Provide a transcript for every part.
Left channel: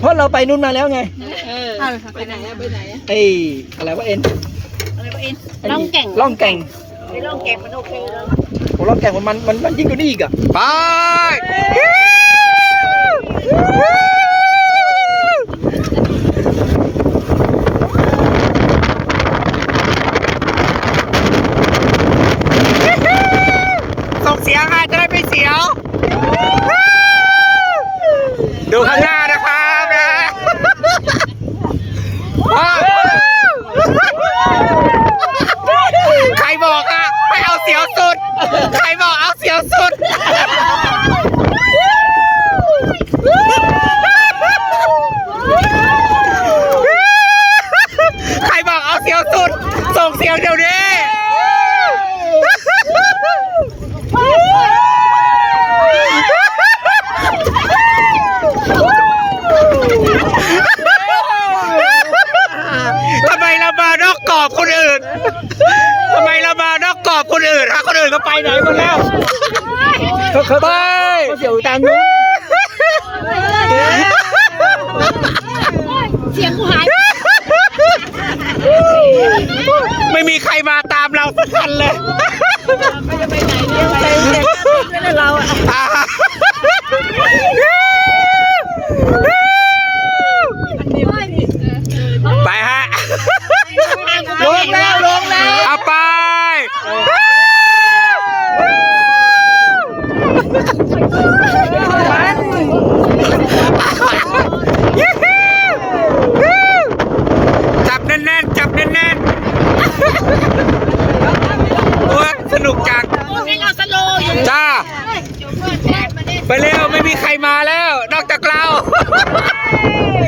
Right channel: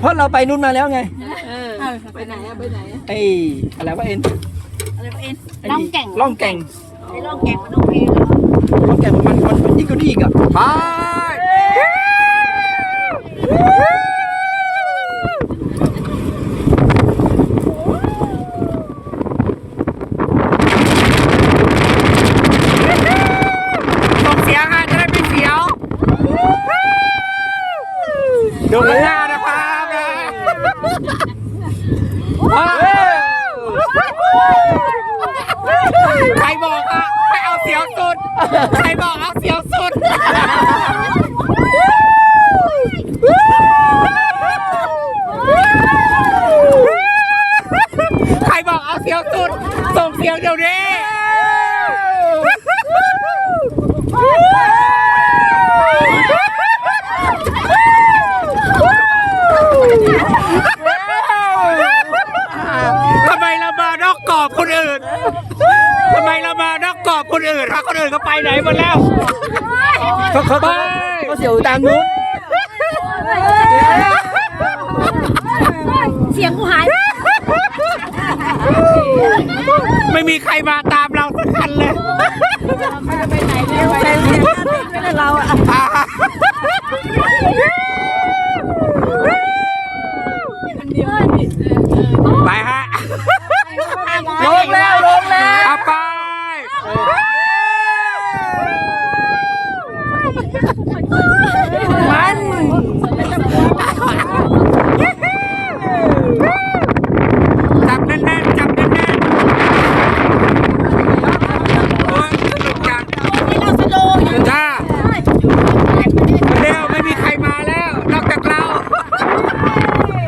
เพราะเราไปนู่นมาแล้วไงเออไปไหนอะไปไหนอะไอ้อะไรวะเอ็นอะไรวะเอ็นไนี่ล่องแก่งล่องแก่งไอ้ล่องแก่งมันโอเคแล้วโอ้ล่องแก่งมันมันมันมันยิ่งกว่านี้อีกอะไปส่งเสียงค่ะจะได้ไม่เสียวดูข้างหน้านะครับนะใครบอกอะไม่เอาเสียวสุด ใครบอกเอาเสียวสุด ใครบอกเอาเสียวสุด ส่งเสียงเดี๋ยวนี้ ทำไมเรามานอกกรอบคนอื่น ทำไมเรามา คนอื่นถ้าคนอื่นก็ไปไหนหมดแล้วเขาเขาไปเสียวตามนู้นเสียงกูหาย ไม่มีใครมาตามเราสักคันเลยไม่จะไปไหนเนี่ยไปเสียงไม่ได้เราอะ ไปฮะ ลงแล้วลงแล้ว เอาไป มันจับแน่นๆจับแน่นๆโอ้ยสนุกจังให้เราสโลว์อยู่จ้าไปเร็วไม่มีใครมาแล้ว นอกจากเรา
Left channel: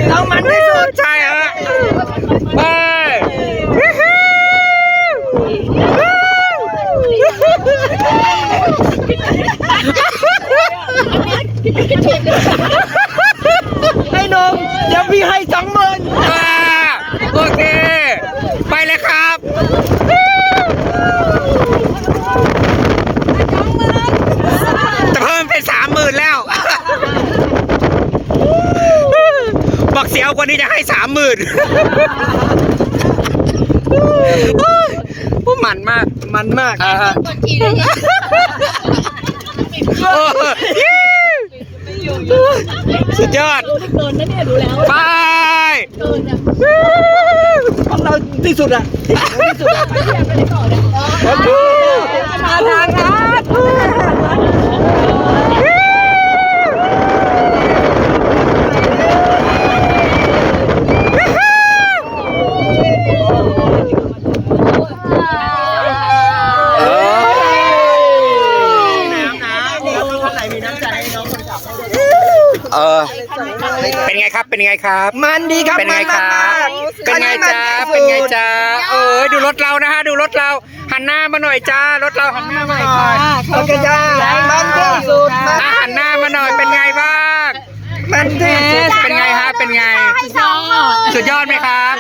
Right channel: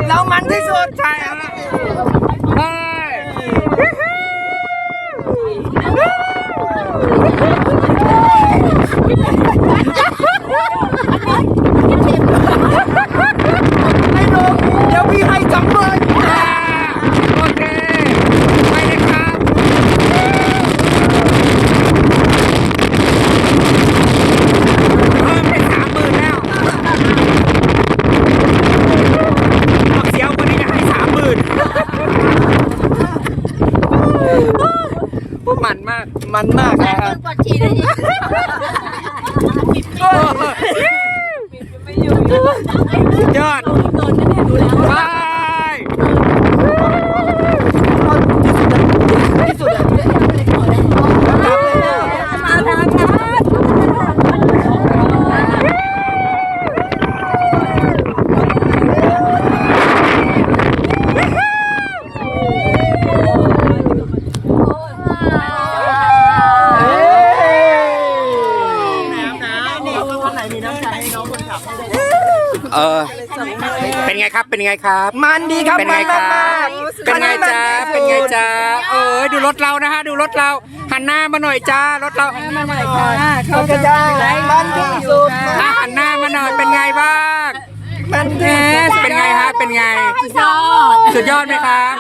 เรามันที่สุดใช่ฮะเฮ้ย ไอ้หนุ่มเดี๋ยวพี่ให้สองหมื่นโอเค ไปเลยครับ จะเพิ่มเป็นสามหมื่นแล้ว บอกเสียวกว่านี้จะให้สามหมื่นพวกมัน มากมันมากอ่าฮะกดทีเลยเนี่ยสุดยอดโดนนะเนี่ยดูแล้วไปเราที่สุดอะที่สุดอะมาทางนั้น น้ำน้ำนี่คนไหนมีน้ำใจให้น้องคนขับให้ด้วย เออเป็นไงครับเป็นไงครับ มันดีครับเป็นไงมัครับมากเป็นไงจ๊ะคัเป็นไงที่มัที่สุดจ๊ะเออดูรถเรานะฮะดูรถเราหันหน้ามาหน่อยจ้ารถเราหันหน้ามาหน่อยค่ะเขากระยามันที่สุดมันอะหันหน้ามาหน่อยเป็นไงบ้างมันที่สุดเป็นไงฮะเป็นไง ยอดสุดยอดไหมครับ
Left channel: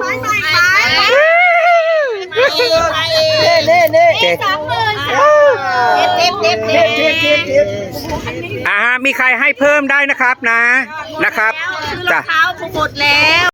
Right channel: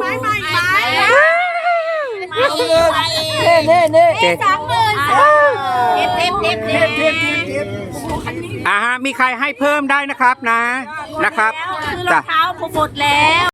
ไม่ไม่ไม่เน่เน่เน่เก่งสองหมื่นเด็ บเด็บเด็บเทียบเทียบเทียบอ่าฮะมีใครให้เพิ่มได้นะครับนะนะครับซื้อรอจ้ะ งเท้าผมหมดแล้ว